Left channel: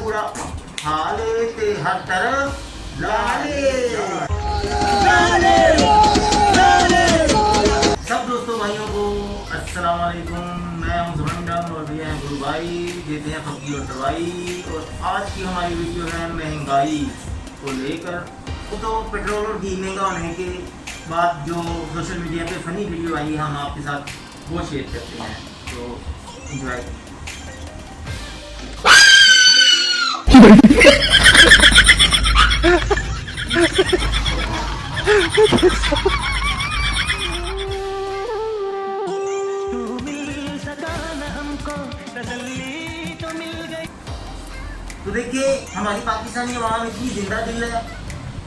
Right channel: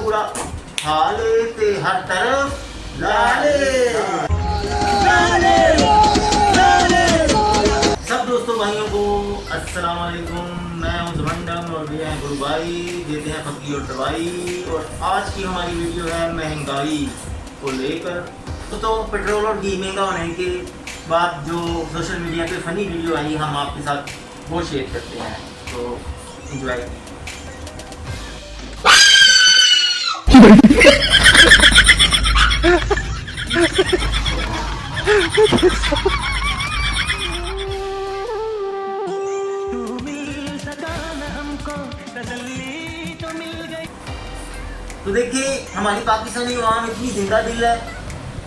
बुरा हाल ते हर तरफ लाले। सब दोस्तों भाइयों को अस्सलाम वालेकुम। मैं हूं जमंडम और ये हैं गुरु भाई, देते हैं फकी और दवाई। और आज की हमारी वीडियो है महंगाई को लेकर। तो पेट्रोल और घी महंगा होने के बाद जो सोशल मीडिया पे फ़नी वीडियो आई, हम आपके साथ वो शेयर करते हैं, तो एंजॉय। तो देखिए, हमारी पाकिस्तानी अवाम इतनी जिंदा दिल है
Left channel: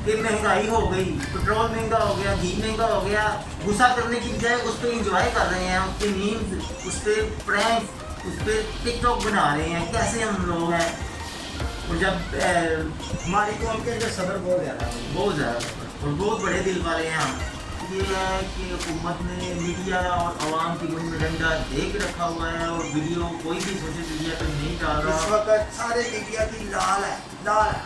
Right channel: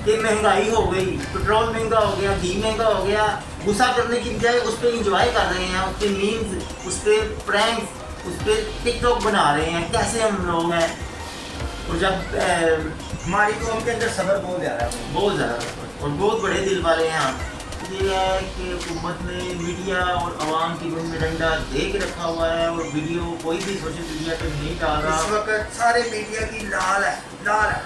कि महंगाई हो गई, पेट्रोल महंगा हो गया, घी महंगा हो गया, गुस्सा करने की बजाय उस पर इंजॉय कर रहे हैं, उस पर मीम्स, उस पर प्रैंक्स, उस पर टिकटॉक बना रहे हैं। कैसे हम लोग हैं। और जब हमारी कौम के अंदर सब्र बहुत ज़्यादा है, बहुत ज़्यादा और बहुत बड़े दिल वाले हैं हम। ये है कि हुकूमत ने मीडिया और आवाम की मुंह में डंडा दे के रखा हुआ है और वीडियो कोई भी सोशल मीडिया पर नहीं डाल रहा। इस वक्त सारे मीडिया की लाल है, लाल है।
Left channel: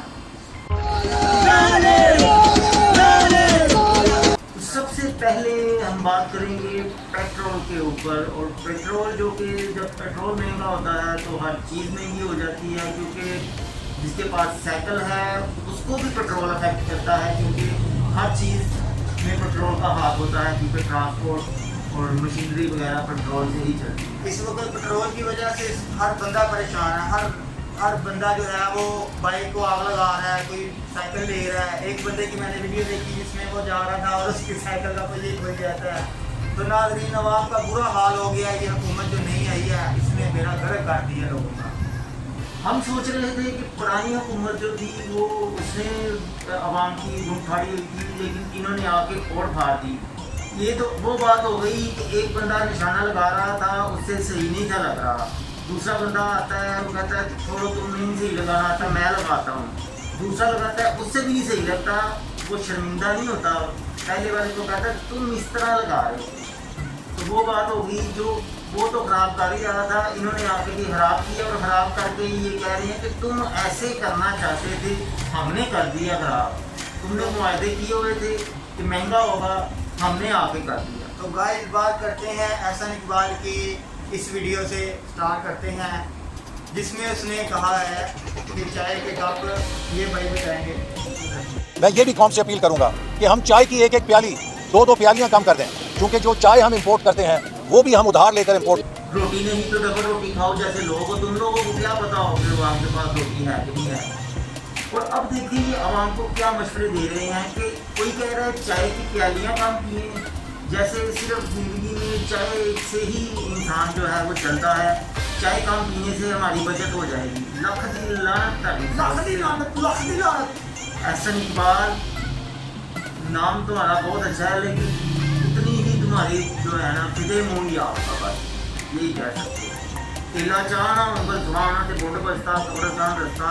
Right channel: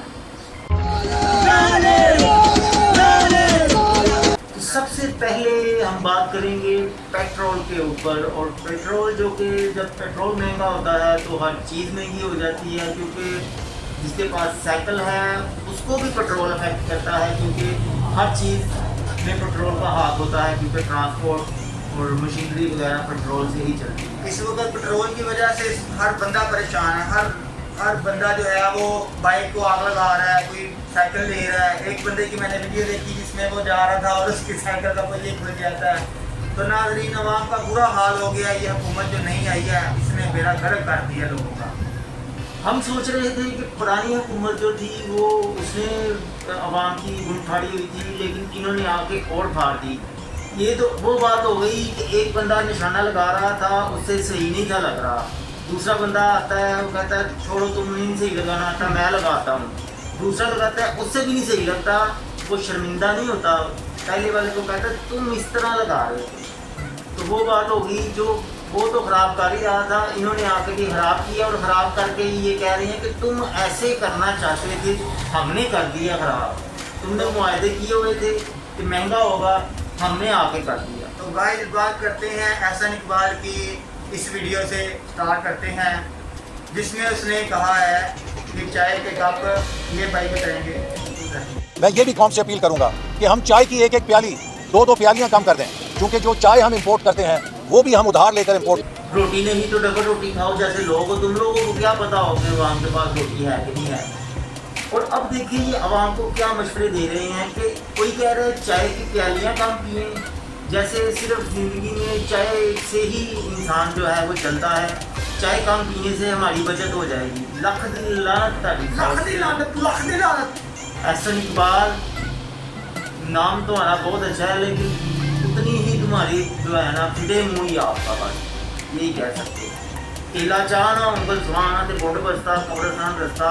तो सबसे पहले हम बात करेंगे पेट्रोल के ऊपर। और पेट्रोल जो कि जब पेट्रोल महंगा होता है तो हर चीज़ महंगी हो जाती है, क्योंकि जिसके पास साइकिल है उसको भी पेट्रोल अफेक्ट करता है, क्योंकि हर चीज़ में पेट्रोल का हाथ होता है, क्योंकि ट्रांसपोर्ट और मशीनरी वगैरह पेट्रोल से ही चलती है। इस वक्त पेट्रोल की वजह से हर बंदा परेशान है। हर बंदा जो है वो बाइक को आग लगा रहा है, कोई साइकिल ले रहा है। एक बंदे की मैंने वीडियो देखी जिसमें वो जा रहा था और उसकी साइकिल का पहिया खुल जाता है। तो नाज़रीन, अवाम का बुरा हाल हो गया। ये हुकूमत जो नहीं आई है इसने बेड़ा गर्क कर दिया लोगों का। हम सोच रहे थे कि पुरानी हुकूमत जो थी वो उसने आवाम की गुण फाड़ी हुई थी, लेकिन इन्होंने आके और फाड़ दी। ये तो वो बात हो गई कि एक बंदा निशाना लगा रहा था, उससे सही नहीं था लग रहा। दूसरा बंदा आता है, वो कहता है छोड़ो, तुम नहीं सही लगाना आता, मैं लगाता हूँ। दूसरा लगाता है, उससे भी नहीं सही लगता, वो शर्मिंदा नहीं होता। पहले वाले को कहता है तुम इस तरह लगा रहे हो। तो वो बात हो गई, जो वो तो ख़राब कर ही रहा था, इन्होंने आके भी ख़राब किया। और ख़राब करके ये कह रहे हैं कि तुम ऐसे करना चाहते थे, हमने कर दिया ख़राब। तुमने मुआहदे किए हुए थे कि महंगा होगा, हमने आके कर दिया। तो गाइस, बात करते हैं एहसन इकबाल की इस वीडियो से स्टार्ट करते हैं, जिसमें उसने कहा है कि चाय के कप, ये भाई बताएंगे। मैं ये भी कौम से अपील करूंगा कि हम चाय की एक एक प्याली, दो प्यालियां कम कर दें, क्योंकि जो चाय हम इंपोर्ट करते हैं वो भी हम उधार लेकर इंपोर्ट। रोटी नहीं तो डबल रोटी खाओ जैसे लोग हो। तुम लोगों को क्या पता हो कि आवाम के पास रोटी है कि नहीं है। और अब देखिए, ये आवाम को क्या मशवरे दे रहे हैं कि कोई कह रहा है चाय की प्यालियाँ कम पिए, जैसे सिर्फ ज़िंदगी में चाय से ही इंसान जो है वो चलता है। चाय कम पीने से हमारी बचत हो जाएगी। लख दी लानत। एहसन इकबाल, नाम तुम्हारा बहुत अच्छा है, लेकिन उतनी ही तुम्हारी जो है ना फिटे मुँह ही आपका, बस यही कह सकते हो। केला चाहना उंगल सुहाना ते बुंड बसता कब्रस्तान रस्ता,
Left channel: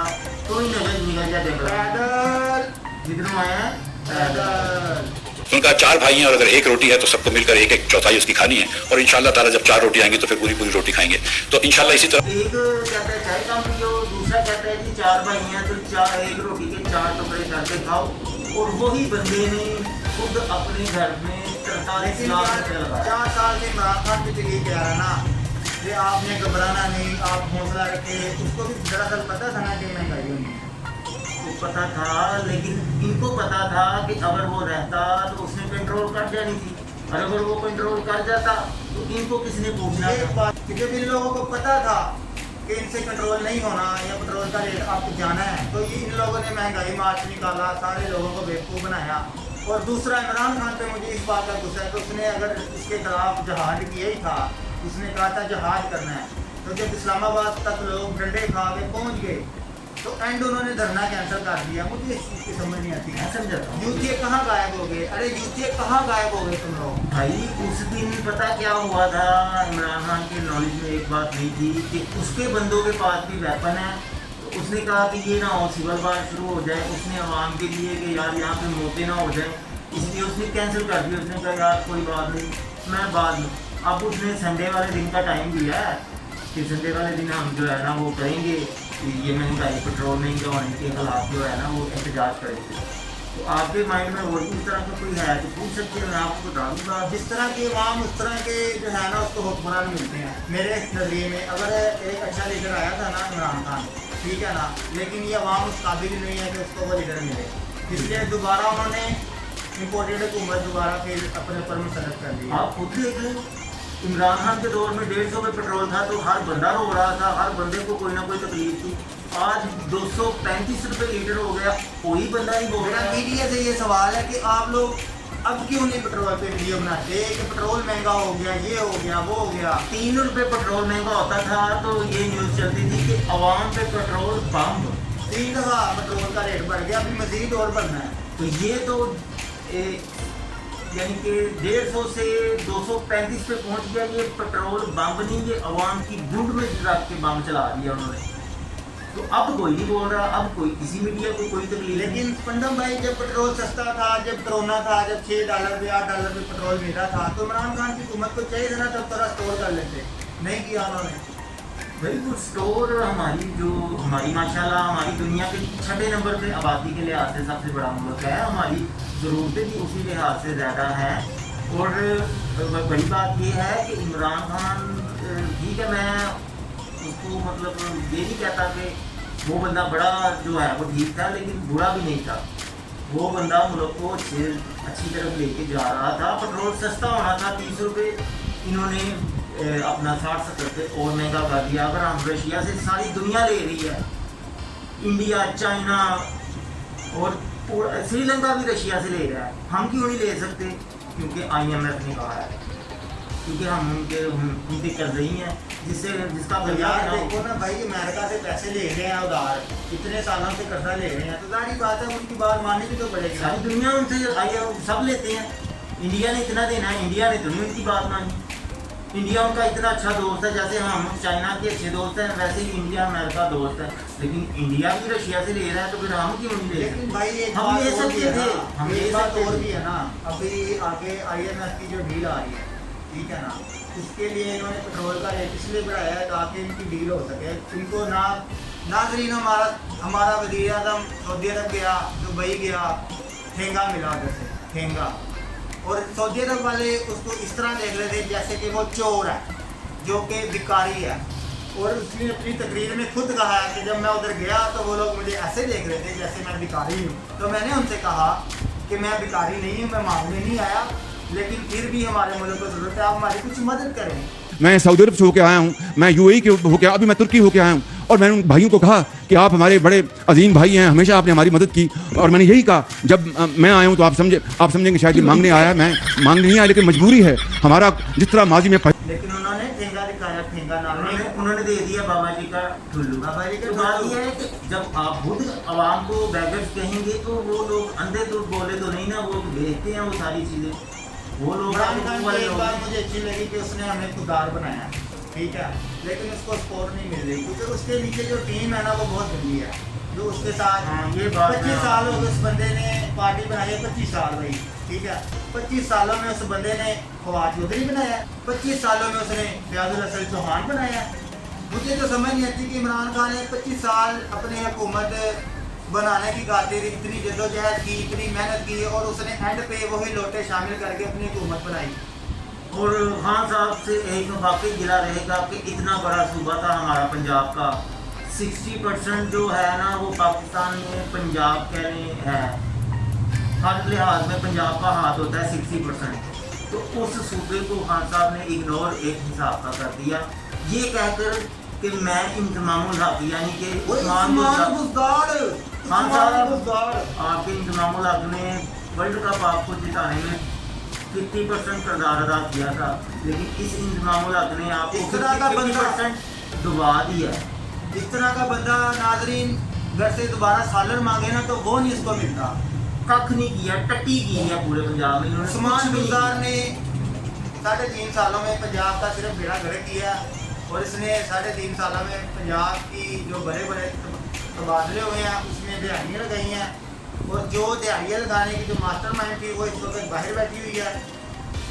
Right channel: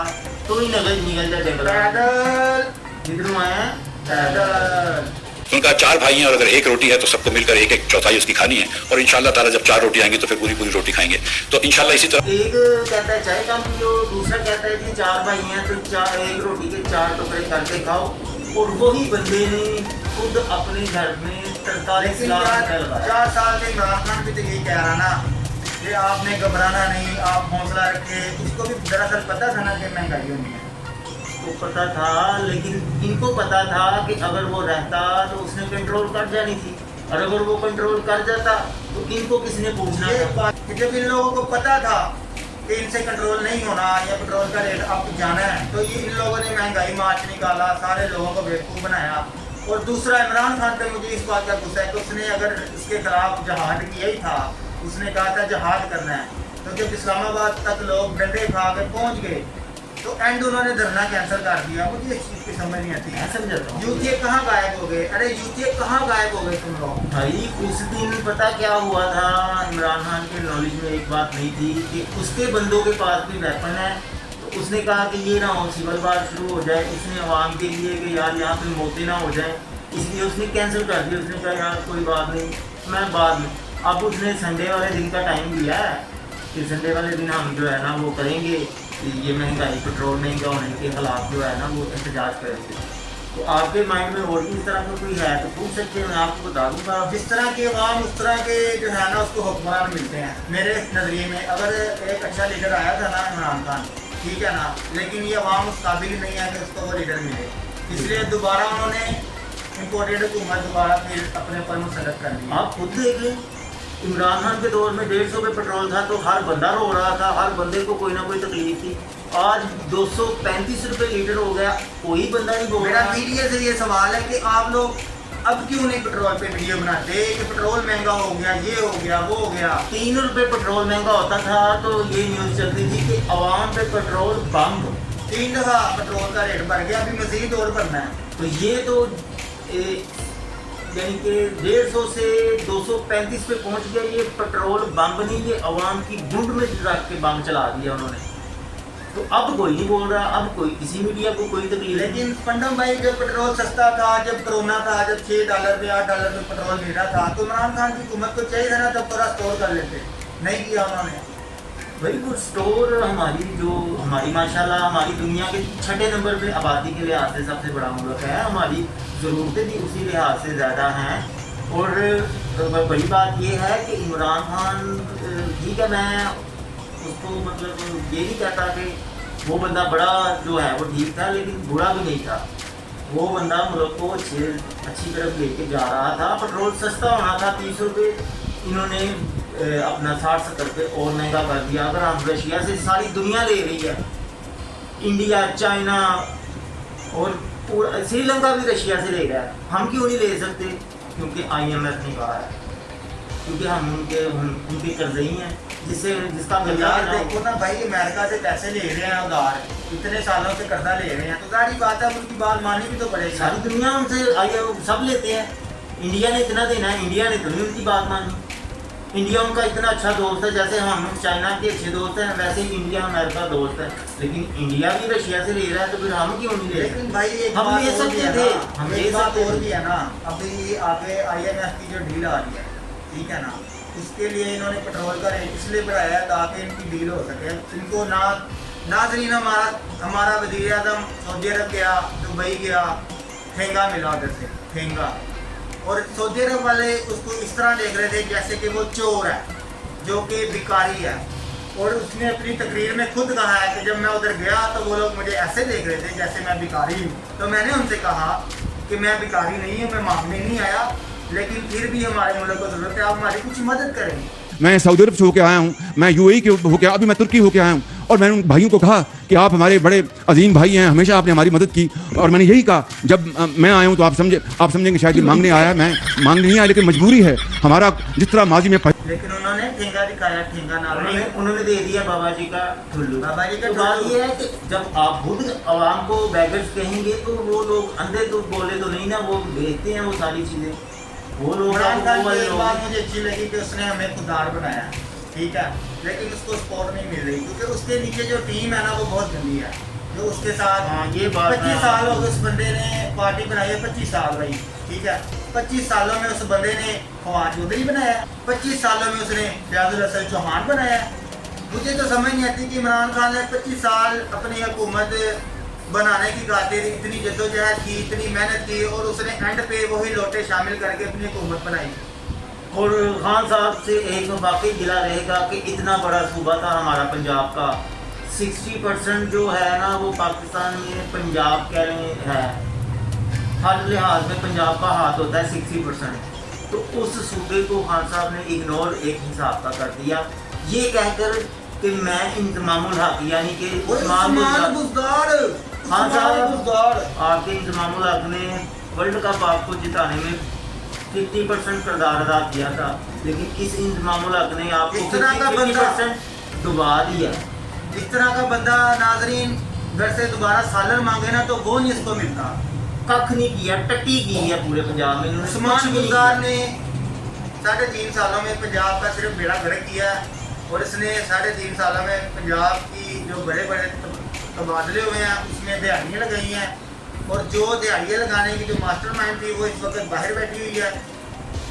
तो ही निकल जा जंगल। पैदल जिधरों आए हैं पैदल। उनका 4 भाई हैं और अगर एक रोटी है तो सबको मिलकर एक चौथाई उसकी खानी है। और इंशाल्लाह ताला जब 4 रोटी आएंगी तो फिर पूरी रोटी खाएंगे। तो इंशाल्लाह इसी तरह एक कहता है चाय कम पियो, दूसरा कहता है कि 4 भाई हैं तो एक रोटी के 4 टुकड़े करके खाओ। और वही बंदे ने खुद अपने घर में 43 लाख रुपया लगाया। 4 साल से इमरान खान भी तो यही कह रहा ना कि आपने घबराना नहीं, आप हौसला रखें। उसको भी दरअसल पता था ना कि महंगाई होनी है, तो पता था, लेकिन इनको पता था कि अगर वो रहता तो उसने कंट्रोल कर जानी थी, और अगर वो कंट्रोल कर जाता तो इनको किसने पूछना ये था। बात कि जब इन लोगों को पता था कि इनसे कंट्रोल नहीं होना या पेट्रोल का रेट अप जाना है, तो ये इन लोगों ने महंगाई मार्च निकाला, सारे लोगों को बेवकूफ़ बनाया। और दूसरा, इमरान खान पे मुझे इस बात का गुस्सा है कि उसने अगर इसके खिलाफ जहाद किया ही था, उसने कहा था जहाद करना है, तो जब इस्लामाबाद तक लोग डंडे खा के पहुँच गए तो एंड उन्होंने धरना कैंसिल कर दिया। मुझे इस चीज़ की समझ नहीं आती। मैं समझाता हूँ, यूथिये कहाँ गायब हो गए? अरे यूथिये कहाँ गायब हो गए तुम लोग? भाई उस दिन पता क्या हुआ था, इमरान खान के नॉलेज में एक बात नहीं थी कि उसके बंदों के पास भी वेपन है। तो उसने कहा कि ये ना हो सिविल वार शुरू हो जाए, उसने आवाम के लिए कि यार यहाँ पे मौतें ना हो जाएं, इसलिए उसने कैंसिल कर दिया। उसने कहा यार कोई बात नहीं, मैं बाद में। अब उसने संडे वाले दिन का टाइम दिया है कि संडे वाले दिन हम जो है ना वो करेंगे, ये महंगाई पेट्रोल महंगा होने के खिलाफ जो है ना वो एहतजाज करेंगे। तो आपके माइंड में और भी इस तरह का कोई है तो पूछ सकते हैं, मैं आपको बता दूँगा। जिस तरह के अवाम उस तरह के जो है ना उसको हुक्मरान मिलते हैं। मेरे नज़रिए में अगर एक अच्छा लीडर आया था ना इमरान खान, ठीक है ना, लेकिन ये अवाम उस काबिल नहीं है कि उसको वो लीडर मिले, इसलिए दोबारा उन्होंने इम्पोर्टेड हुकूमत दोबारा फिर अपने पर मुसल्लत कर दी। आप खुद देख लें, इमरान खान के दौर में 150 रुपये पेट्रोल था तो हर बंदा रो रहा था, हर बंदे को कोई ना कोई तकलीफ थी। आज 235 रुपये लीटर हो गया, कोई बंदा नहीं बोल मेरा रहा। मीडिया से ये सवाल है कि आप लोग अब क्यों नहीं पेट्रोल पे वीडियो बनाते कि पेट्रोल महंगा हो गया, ये हो गया, वो हो गया। 3 रुपये पेट्रोल महंगा होता था तो ये न्यूज़ चलती थी कि अवाम पे पेट्रोल बम। 3 दफ़ा पेट्रोल का रेट बढ़ गया, अभी मज़ीद और बढ़ना है। तो ये तो यानी कि 150 से 235 पे पहुंच गया। ये पेट्रोल बम नहीं, ये अवाम की गुंड में रख के बम चला दिया उन्होंने। तो अब कोई नहीं बोल रहा, अब कोई किसी मीडिया को कोई तकलीफ नहीं। लेकिन पंडम भाई जब पेट्रोल सस्ता था, जब कोरोना था, जब $6 पे $8 पे पेट्रोल मिल रहा था, तो इमरान खान की हुकूमत को चाहिए था ना तब थोड़ा स्टोर कर लेते, नहीं किया उन्होंने। भाई वो स्टोर हमारी माशाल्लाह हमारी दुनिया के 6ठे नंबर पे आबादी के लिहाज से सबसे बड़ा मुल्क है, हमारी ज़रूरतें भी उसी लिहाज से ज़्यादा हैं। और बड़ी बात ये है कि इमरान खान ठीक है, मैं उसको मतलब ये नहीं कहता कि वो बंदा बड़ा जो है वो ठीक था, लेकिन बुरा भी नहीं था। वो बंदा मुल्क को अच्छी तरफ लेके जा रहा था। पेट्रोल सस्ता होना था 30 रुपये, इन्होंने अपना 60-70 पे और महंगा कर दिया। अगर हम रशिया से सारी दुनिया ले रही है, इंडिया, चाइना और श्रीलंका भी रशिया से ले रहा है, हम क्यों नहीं ले सकते? क्योंकि IMF ने कहा है, क्योंकि हम उनके कर्जे ही हैं जिसका यार देखो ना भाई, अमेरिका से पैसे ले रहे हैं उधार, इतने सालों से कर्जा ले रहे हैं, तो जाहिर बात है उनकी बात माननी भी तो पड़ेगी। सारी दुनिया उनसे सब लेते हैं, इंडिया ने इतना देना है, इंडिया ने तो नहीं उनकी बात मानी। इंडिया उनका इतना अच्छा दोस्त है, जैसे हम चाइना के अच्छे दोस्त हैं वैसे ही इंडिया अमेरिका दोस्त है। लेकिन इंडिया भी रशिया से ले रहा है तो फिर हम क्यों नहीं ले लेकिन सकते? भाई एक हम बात ले और भी सकते है थे, ना, हम एक ले बात सकते और थे। भी है ना, अभी आगे IMF की जो डील आ रही है, ठीक है ना, उसके लिए इन्होंने पेट्रोल का रेट इसलिए बढ़ाया है ताकि इनकी डील हो सके। इनको नाजरीन हमारा वज़ीर आज़म सऊदी अरब गया, दुबई गया, ठेंगा मिला उधर से ठेंगा, और सऊदी अरब वाले उसको इस तरह देख रहे थे जैसे कि वो चोर है जो कि भिखारी है। और उसने अपनी तकरीर में खुद कहा है कि जब मैं उधर गया तो वो लोग मुझे ऐसे देख रहे थे जैसे मैं भिखारी हूँ। तो मैंने उनसे कहा कि मैं भिखारी नहीं हूँ, मैं मांगने नहीं आया, लेकिन फिर भी हमारे मुल्क को ज़रूरत है, आप हमारी कुछ मदद करें। मैं सऊदी अरब से होकर आया हूँ, मैं UAE के होकर, अभी मैं तुर्की होकर आया हूँ, और मैंने उन भाइयों को कहा कि आप हमारे बड़े अजीम भाई हैं, हमेशा आपने हमारी मदद की। और मैंने यही कहा, जब मैं आया हूँ तो आप समझेंगे शायद ये मांगने आया, मैं मांगने नहीं आया, लेकिन मजबूरी है हमारा, जिस तरह माजी में। लेकिन उन्होंने ठेंगा दिखाया, ठेंगा नाम उन्होंने दे दिया बाबा जी का ठुल्लू। बाबा जी का तो बात ठुल्लू। ये है कि जब आप खुद आवाम को बैगर्स कहेंगे तो वो लोग अंधे तो बोले तो नहीं ना, वो बेचते हैं वो सारी चीज़ें। वो लोग इमरान खान की एक लोग- बात मुझे अच्छी लगी कि उसने हमें खुददार बनाया, ठीक है, लेकिन उसको सपोर्ट नहीं मिल रही क्योंकि उसके नीचे जो टीम है ना वो बहुत गंदी है। जो उसके साथ हाँ, ये बात 25 है। साल हो गए उस बंदे ने पार्टी बनाई है, 25 साल भाई, ठीक है। 25 सालों में उस बंदे ने फवाद चौधरी बनाया, 25 सालों में उसने फयाजुल हसन चौहान बनाया। मुझे तो समझ नहीं आती कि इमरान खान ने 25 साल अपनी हुकूमत बनाने की खातिर इतनी जद्दोजहद की, इतनी मेहनत की, और उसने एंड पे वही लोटे शामिल करके अपनी हुकूमत बनाई। और खान साहब से एक वाकई गिला रहेगा कि इतना बड़ा सूबा था हमारा पंजाब का, 60% जो है ना वो पाकिस्तान में पंजाब कह लें है, हर लिहाज में पंजाब का हाथ होता है 60%। तो उस सूबे को खान साहब ने इग्नोर एक हिसाब का कर दिया, ये कहकर कि मैं इंतमामुल हक यानी कि खान साहब आपके इंतमामुल हक ने वर्ल्ड कप आपको जिताने में 50% किरदार अदा किया था, लेकिन इस इंतमामुल हक ने आपको इस तरह का 50% डुबा दिया। इस तरह का बंदा नाजरीन घर से दोबारा सालन मांगे ना तो वो नहीं इसको मिलता। कख नहीं किया, टट्टी की है पूरे पंजाब में इन्होंने, उस्मान कुछ भी नहीं गुलजार किया। ने 3.5 सालों में पंजाब का सिर्फ बेड़ा गर्क किया, और इसने 3.5 सालों में पंजाब की जो बड़े बड़े तबादले हुए हैं उसमें दिहाड़ियाँ लगाई हैं, और जो दिहाड़ियाँ लगाने की जो मास्टरमाइंड थी वो इस वक्त बाहर बैठी हुई है।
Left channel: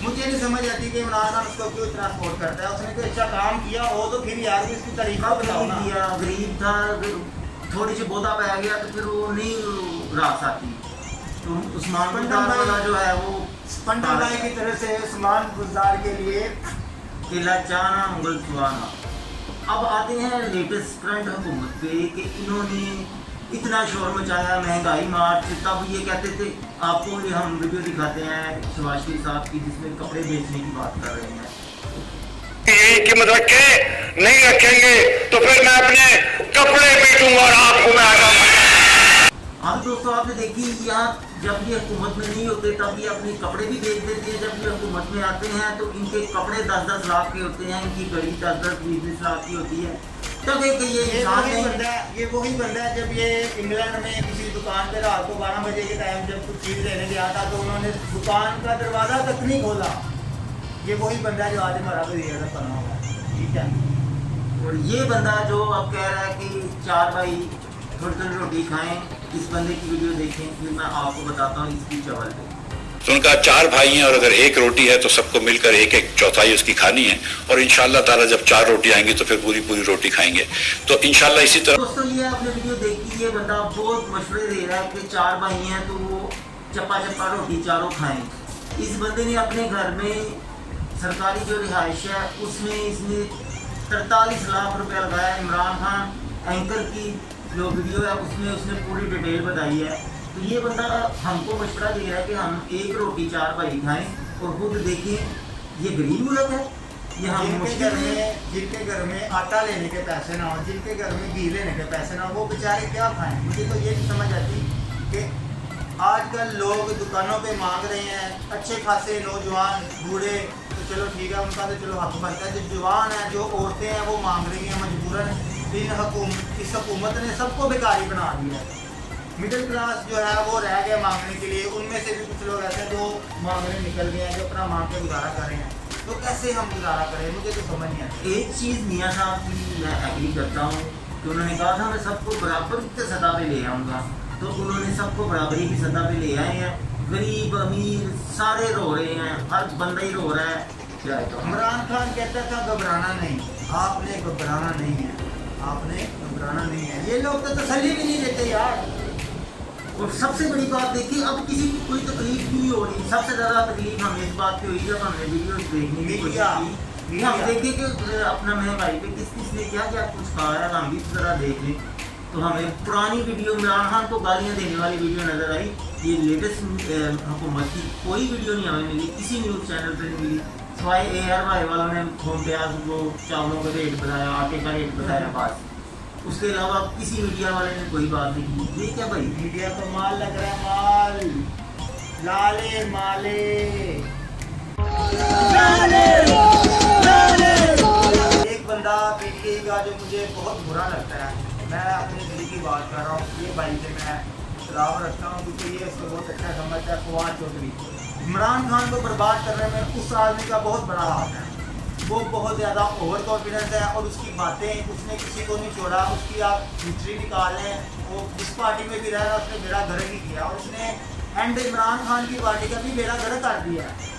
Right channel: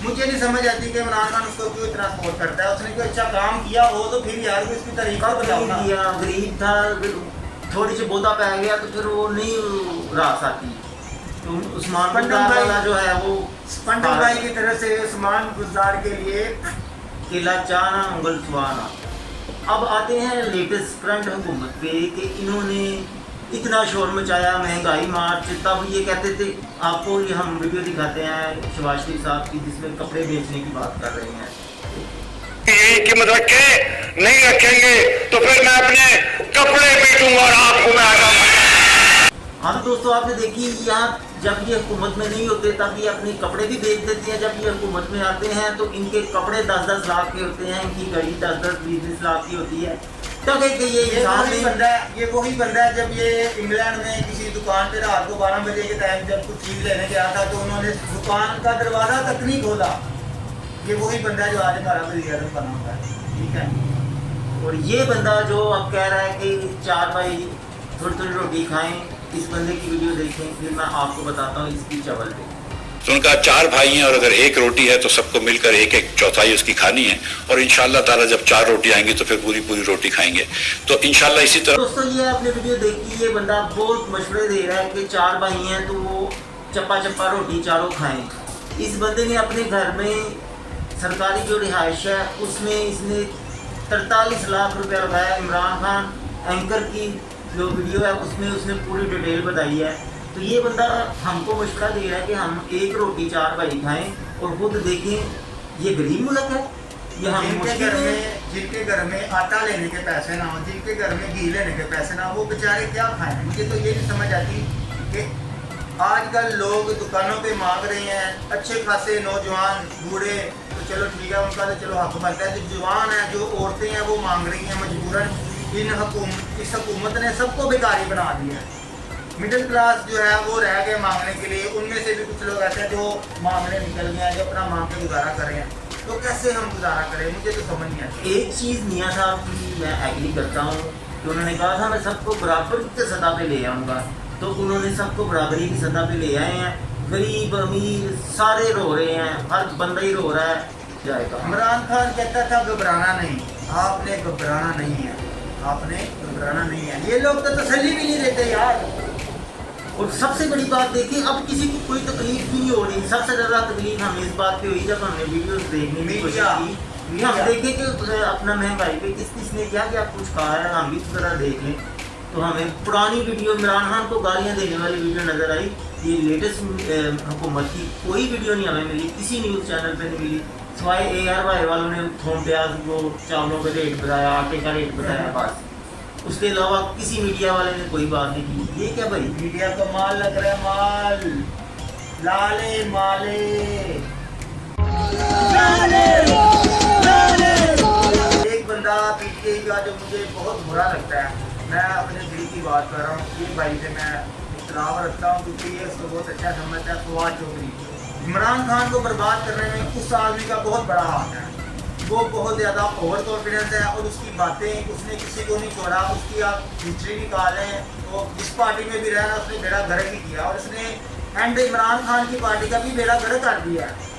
मुझे नहीं समझ आती कि इमरान खान उसको क्यों इतना सपोर्ट करता है। उसने कोई अच्छा काम किया हो तो फिर यार भी उसकी तारीफ कब बताओ ना। दिया, गरीब था, थोड़ी सी बोधा पै गया तो फिर वो नहीं रास आती। तो उस्मान पंडम भाई- वाला जो है वो पंडम भाई की तरफ से उस्मान गुलजार के लिए केला चाना मुगल सुहाना। अब आते हैं लेटेस्ट करंट हुकूमत पे कि इन्होंने इतना शोर मचाया, महंगाई मार्च, तब ये कहते थे, आपको ये हम वीडियो दिखाते हैं शहबाज शरीफ साहब की जिसमें कपड़े बेचने की बात कर रहे हैं। यही कीमत रखे नहीं रखेंगे तो फिर मैं अपने कपड़े बेचूंगा और आपको मैं हाँ तो दोस्तों आपने देखी यहाँ जब ये हुकूमत में नहीं होते तब ये अपने कपड़े भी बेच देते हैं, जब ये हुकूमत में आते हैं तो इनके कपड़े 10-10 लाख के होते हैं, इनकी घड़ी 10-20 लाख की होती है। तो कि ये इंसान वही नहीं बंदा है, ये वही बंदा है जब ये इंग्लैंड में किसी दुकान पे रात को 12 बजे के टाइम जब कुछ चीज़ लेने गया था तो उन्होंने दुकान का दरवाज़ा तक नहीं खोला। ये वही बंदा है जो आज हमारा वज़ीर-ए-आज़म बना हुआ है, ठीक है। और ये बंदा जो अब कह रहा है कि 4 भाई थोड़ी थोड़ी रोटी खाएं, इस बंदे की वीडियो देखें, फिर मैं आपको बताता हूँ इसकी चवल पे। तो उनका 4 भाई हैं और अगर 1 रोटी है तो सबको मिलकर 1-1 चौथाई उसकी खानी है और इंशाल्लाह ताला जब 4 रोटी आएंगी तो फिर पूरी पूरी रोटी खाएंगे। तो इंशाल्लाह इसी तरह दोस्तों ये आपने वीडियो देखी, ये बंदा बहुत मशवरे दे रहा है कि 4 भाई हैं तो वो चप्पा चप्पा रोटी चारों खाएं। इस बंदे ने अपने घर में सरकारी जो रिहाइश है उसमें इसने 43 लाख रुपया लगाया। इमरान खान एंकर की जो वीडियो है उसमें उसने पूरी डिटेल बताई है। तो ये बंदा हमको मशवरा दे रहा है कि हम 1 रोटी 4 भाई खाएं और खुद देखें ये गरीब मुल्क है, ये हम जिनके घर में आटा लेने के पैसे ना हो, जिनके घर में घी लेने के पैसे ना हो, वो बेचारे क्या खाएं। मुझे तो ये नहीं समझ आती कि आजकल लोग दुकानों पे मांग रहे हैं, अच्छे खासे नौजवान बूढ़े तो चलो ठीक है उनका तो चलो हक बनता है, जो जवान है जो औरतें हैं वो मांग रही हैं मजबूरन। इस हुकूमत ने सबको बेकारी बना दिया है। मिडिल क्लास जो है वो रह गए मांगने के लिए, उनमें से भी कुछ लोग ऐसे हैं जो मांगने निकल गए हैं, जो अपना मांग के गुजारा कर रहे हैं। तो कैसे हम गुजारा करें, मुझे तो समझ नहीं आती। एक चीज़ मियाँ साहब की मैं एग्री करता हूँ कि उन्होंने कहा था मैं सबको बराबर की सतह पे ले आऊँगा, तो उन्होंने सबको बराबरी की सतह पे ले आए हैं। गरीब अमीर सारे रो रहे हैं, हर बंदा ही रो रहा है। इमरान खान कहता था घबराना नहीं, आपने घबराना नहीं है, आपने घबराना नहीं है। ये लोग तो तसल्ली भी नहीं देते यार। और सबसे बड़ी बात देखिए, अब किसी को कोई तकलीफ भी नहीं हो रही। सबसे ज़्यादा तकलीफ हमें इस बात पे हुई जब हमने वीडियोस देखने की कोशिश की, हम देखें कि अपना महंगाई पे किस किस ने क्या क्या कुछ कहा है, हम भी ज़रा देख लें। तो हमें पुरानी वीडियो इमरान खान को गालियाँ देने वाली वीडियो नज़र आई। ये लेटेस्ट हुकूमत की कोई वीडियो नहीं हमें मिली, किसी न्यूज़ चैनल पर नहीं मिली, सिवाय ARY वालों ने थोम प्याज वो चावलों का रेट बताया, आटे का रेट बताया, बस। उसके अलावा किसी मीडिया वाले ने कोई बात नहीं की। ये क्या भाई, मीडिया को माल लग रहा है, माल लाले माले। एक बंदा PTI का जो मुझे बहुत बुरा लगता है, मैं अपने दिल की बात कर रहा हूँ, ये भाई से मैं इख्तिलाफ रखता हूँ क्योंकि ये उसको बहुत अच्छा समझता है, फवाद चौधरी। इमरान खान को बर्बाद करने में उस आदमी का बहुत बड़ा हाथ है। वो बहुत ज़्यादा ओवर कॉन्फिडेंस है और उसकी बातें, उसने किसी को नहीं छोड़ा। उसकी आप हिस्ट्री निकालें, वो जिस पार्टी में भी रहना उसने बेड़ा गर्क ही किया और उसने एंड इमरान खान की पार्टी का भी बेड़ा गर्क कर दिया है।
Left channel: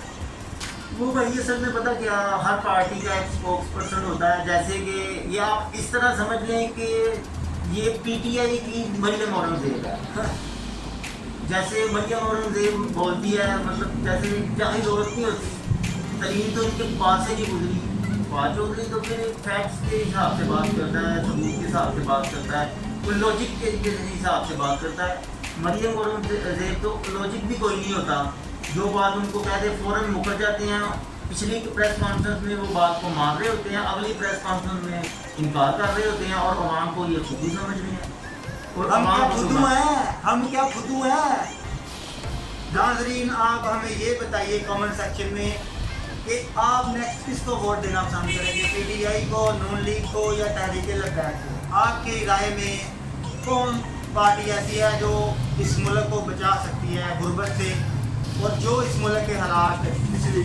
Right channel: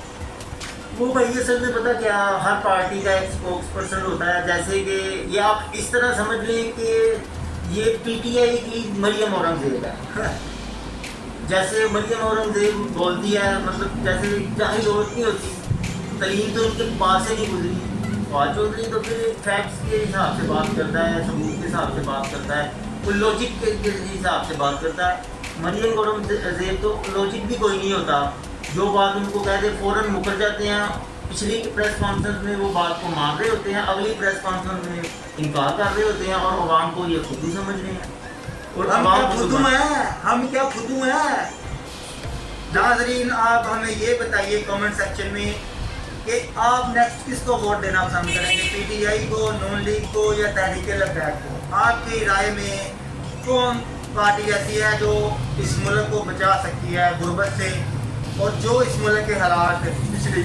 वो भाई असल में पता क्या, हर पार्टी का एक स्पोक्स पर्सन होता है। जैसे कि ये आप इस तरह समझ लें कि ये PTI की मरियम औरंगजेब है। जैसे मरियम औरंगजेब बोलती है, मतलब जैसे जाहिर औरत नहीं होती, तलीम तो इनके पास से नहीं गुजरी। फवाद चौधरी तो फिर फैक्ट्स के हिसाब से बात करता है, सबूत के हिसाब से बात करता है, कोई लॉजिक के हिसाब से बात करता है। मरियम औरंगजेब तो लॉजिक भी कोई नहीं होता, जो बात उनको कह दे फ़ौरन मुकर जाते हैं। पिछली प्रेस कॉन्फ्रेंस में वो बात को मान रहे होते हैं, अगली प्रेस कॉन्फ्रेंस में इनकार कर रहे होते हैं और अवाम को ये खुद ही समझ रहे हैं। और हम अवाम क्या को खुदू हैं, हम क्या खुदू हैं। नाज़रीन आप हमें ये बताइए कमेंट सेक्शन में कि आप नेक्स्ट किसको वोट देना पसंद करेंगे, PTI को, नून लीग को या तहरीक लब्बैक को। आपकी राय में कौन पार्टी ऐसी है जो इस मुल्क को बचा सकती है गुर्बत से, और जो इस मुल्क के हालात पिछली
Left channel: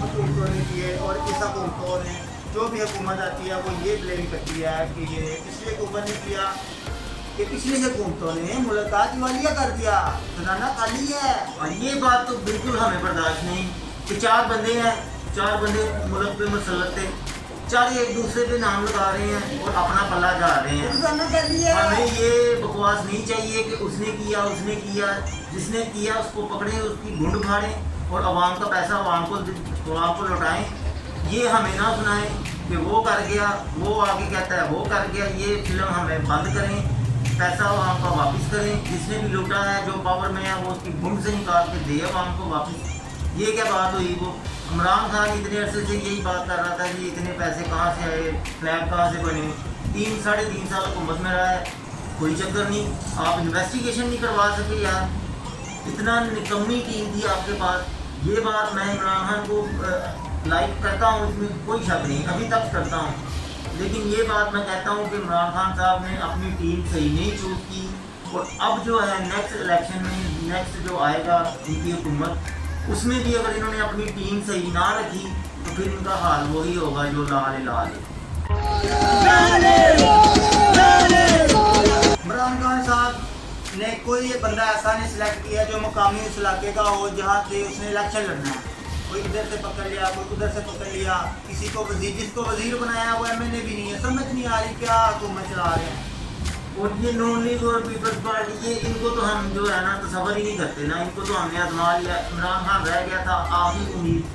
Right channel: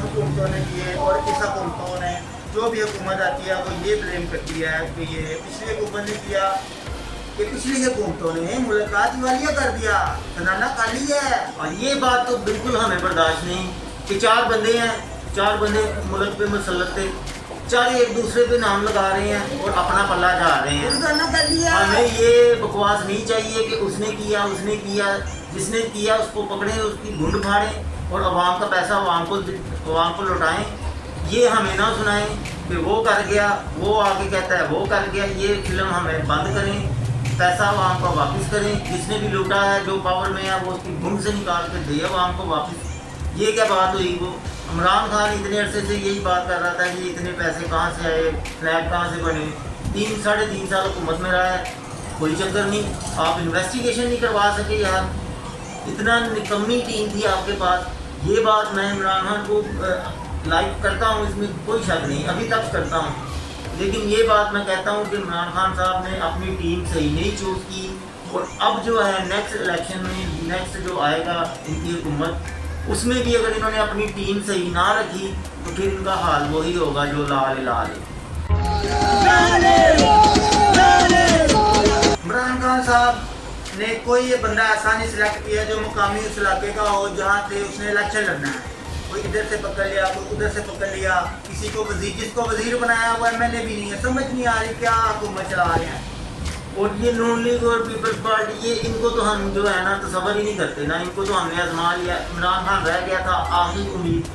हुकूमतों ने किए और इस हुकूमतों ने जो भी हुकूमत आती है वो ये ब्लेम करती है कि ये पिछली हुकूमत ने किया, कि पिछली हुकूमतों ने मुल्क का दिवालिया कर दिया, खजाना खाली है। और ये बात तो बिल्कुल हमें बर्दाश्त नहीं कि 4 बंदे हैं, 4 बंदे मुल्क पे मुसल्लत थे, 4 एक दूसरे पे नाम लगा रहे हैं और अपना पल्ला झाड़ रहे हैं। हमें ये बकवास नहीं चाहिए कि उसने किया, जिसने किया उसको पकड़ें, उसकी घुंड फाड़ें और अवाम का पैसा अवाम को लौटाएं। ये हमें ना सुनाएं कि वो कर गया, वो आगे कहता है वो कर गया। ये फिल्म हमें बंद करें, पैसा अवाम का वापस करें। जिसने भी लूटा है, जो पावर में है, वो उसकी घुंड से निकाल के दे अवाम को वापस। ये क्या बात हुई? वो इमरान खान इतने अरसे से यही बात कर रहा था कि इतने पैसे कहाँ से आए, फ्लैग कहाँ से बने। 3 साढ़े 3 साल हुकूमत में रहा है, कोई चक्कर नहीं। आप इन्वेस्टिगेशन नहीं करवा सके यार, इतना निकम्मी टीम थी आपके पास। ये बात मैं इमरान खान को लाइक करता हूँ, इसमें कोई शक नहीं, अभी तक करता हूँ। लेकिन ये बात मैं कहता हूँ कि इमरान खान साहब ने अपनी टीम सही नहीं चूज़ की। और अब जो है नेक्स्ट इलेक्शन में, नेक्स्ट जो आएगा इनकी हुकूमत, उसमें भी अगर इन्होंने अपनी टीम सही ना रखी तो फिर इनका हाल वही होगा जो लाल लाल। इमरान खान साहब ने कोई ये बंदा ऐसा नहीं सिलेक्ट किया जो मुकामी उस इलाके का हो जहाँ से उसने इलेक्शन लड़ना है। कोई इधर से पकड़ लिया, कोई उधर से पकड़ लिया, किसी को वजीर, जिसको वजीर बनाया वो MLA भी नहीं है। समझ नहीं आ रही क्या हुकूमत चला रहे हैं। और ये नून लीग और पीपल्स पार्टी, ये इनको तो हम जो है ना तसव्वुर ही नहीं करते ना। इनको तो हमने आजमा लिया। इमरान खान रह गया था आखिरी उम्मीद।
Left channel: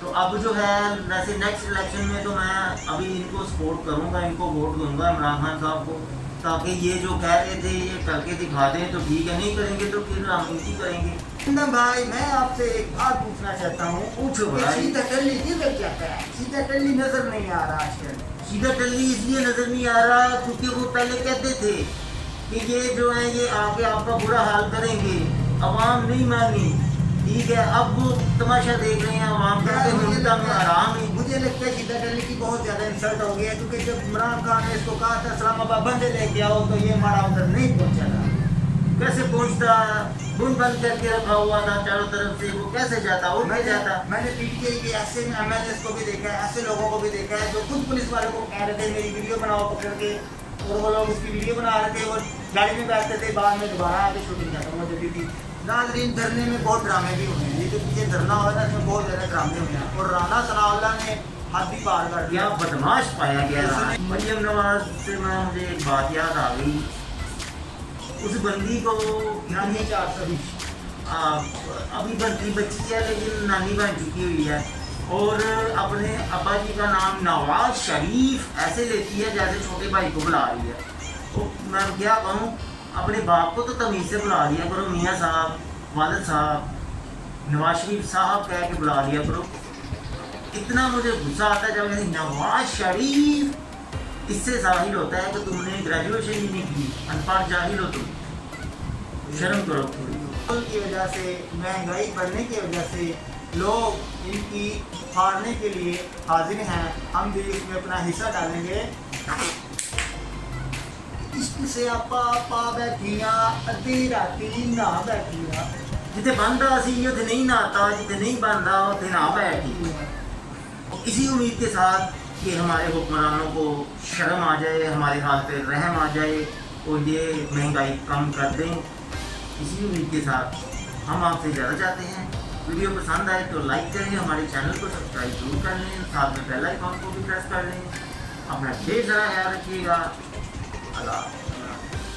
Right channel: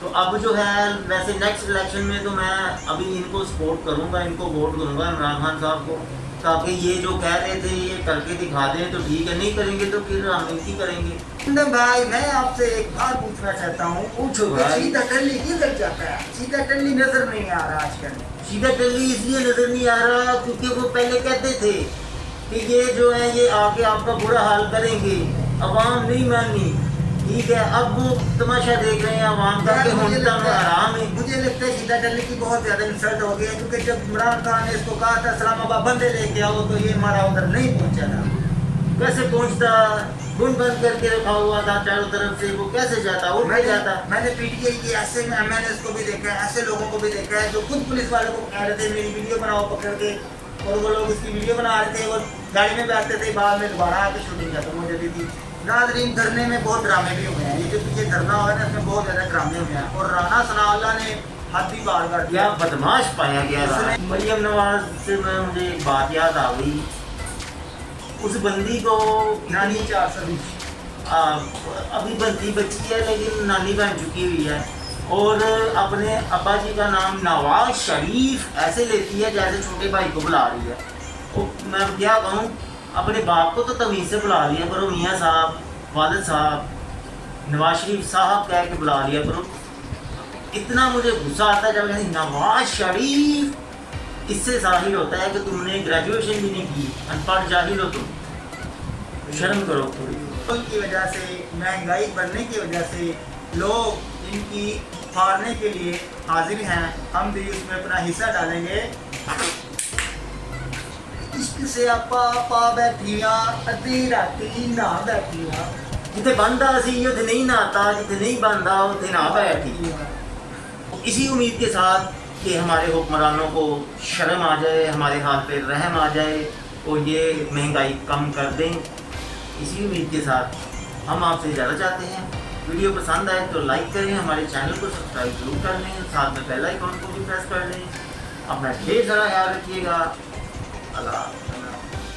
तो अब जो है वैसे नेक्स्ट इलेक्शन में तो मैं अभी इनको सपोर्ट करूंगा, इनको वोट दूंगा इमरान खान साहब को, ताकि ये जो कह रहे थे ये करके दिखा दें तो ठीक है, नहीं करेंगे तो फिर हम इनकी करेंगे। भाई मैं आपसे एक बात पूछना चाहता हूँ। पूछो भाई। सीधा टल्ली किधर जाता है? सीधा टल्ली नजर नहीं आ रहा आजकल। सीधा टल्ली इसलिए नजर नहीं आ रहा क्योंकि वो पहले कहते थे कि ये जो है ये आके आपका बुरा हाल करेंगे, अवाम नहीं मानी, ठीक है। अब वो तमाशा देख रहे हैं अवाम का कि होता में आराम है। मुझे लगता है सीधा टल्ली की बहुत ज्यादा इंसल्ट हो गया, क्योंकि जब इमरान खान ने इसको कहा था इस्लामाबाद बंदे लेके आओ तो ये मारा उधर नहीं पहुंचा था। कैसे पहुंचता? गुंड बंद करके रखा हुआ था चारों तरफ से, वो कैसे जाता? वो नहीं जाता। मैंने PTI के ऐसे MLAs को भी देखा है, ऐसे लोगों को भी देखा है जो खुद पुलिस वालों को कह रहे थे मेरी वीडियो बनाओ पकड़ के, और वो लोग उसकी वीडियो बना रहे थे, वो गाड़ी में बैठते थे, बाद में दोबारा आके शूटिंग खत्म हो जाती थी। नाज़रीन, धरने में बहुत ड्रामे भी हुए हैं। ये जो पीछे धरना हुआ है ना, इसमें बहुत ज़्यादा ड्रामे हुए हैं। और राना सनाउल्लाह ने हद ही पार कर दिया, बदमाश पाया गया। मरियम नवाज से मुझे एक बात याद आ गई। उस बंदी को नानी 420 अभी बनती बच्ची है लेकिन नानी बन चुकी हुई है, और अपने अब्बा जी का नाम नवाज शरीफ ऐसे लेती है जैसे छोटे भाई को बुला रही है। तो मैं क्या कहूँ, अपने बाप को तो तमीज़ से बुला लिया करो, मियाँ साहब, वालिद साहब, नवाज शरीफ साहब कह के बुला लिया करो। इतना मुझे गुस्सा आता है जब कहती नवाज शरीफ। इससे जाहिर होता है कि तुमने ग्रेजुएशन भी नहीं की, अनपढ़ जाहिल हो तुम। शर्म करो थोड़ी। की वजह से, महंगाई बढ़ने की वजह से लोग इनकी हारने के लिए हाजिर हैं। हम भी उसमें अपना हिस्सा डालेंगे। इश्क से आपा पा बैठिया अद्धी राती ना बैठिया, जिथे बनता सी उथे नहीं नहाता, जिथे नहीं बनता उथे ना बैठी। इसी उम्मीद के साथ कि हमारे हुक्मरानों को शर्म आ जाए, हमारे हाल पे रहम आ जाए और ये महंगाई कम कर दें, इसी उम्मीद के साथ हम आपसे ज़्यादा चाहते हैं। वीडियो पसंद आए तो लाइक करें, हमारे चैनल को सब्सक्राइब जरूर कर लें, साथ में बेल आइकॉन को भी प्रेस कर लें। अपना ढेर सारा ख्याल रखिएगा। अल्लाह।